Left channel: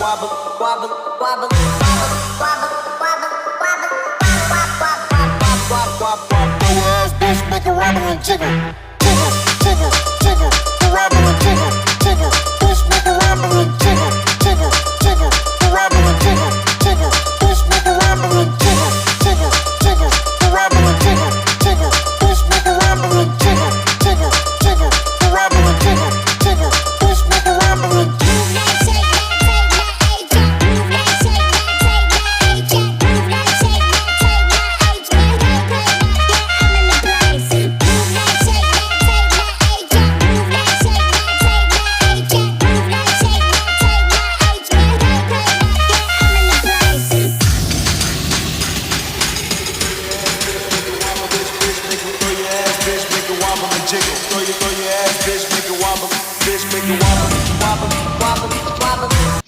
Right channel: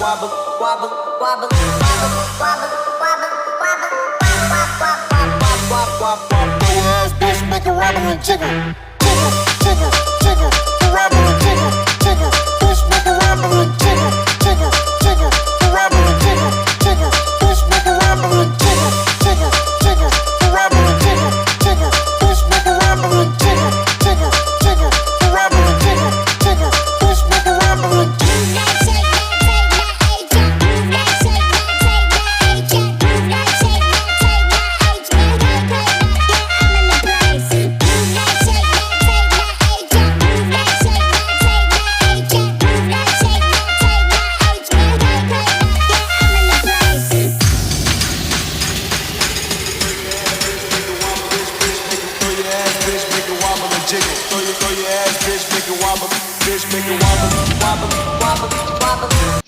wobble, wobble, wobble, wobble, wobble, wobble, wobble, wobble, wobble, wobble. Throw your ass, bitch, make it wobble and jiggle, jiggle, jiggle, jiggle, wobble and jiggle, jiggle, bitch, make it wobble and jiggle, jiggle, jiggle, wobble and jiggle, jiggle, bitch, make it wobble and jiggle, jiggle, jiggle, wobble and jiggle, jiggle, bitch, make it wobble and jiggle, jiggle, jiggle, wobble and jiggle, jiggle, bitch, make it wobble and jiggle. Jiggle, throw your ass, bitch, make it wobble, bitch, make it wobble, wobble, wobble, wobble.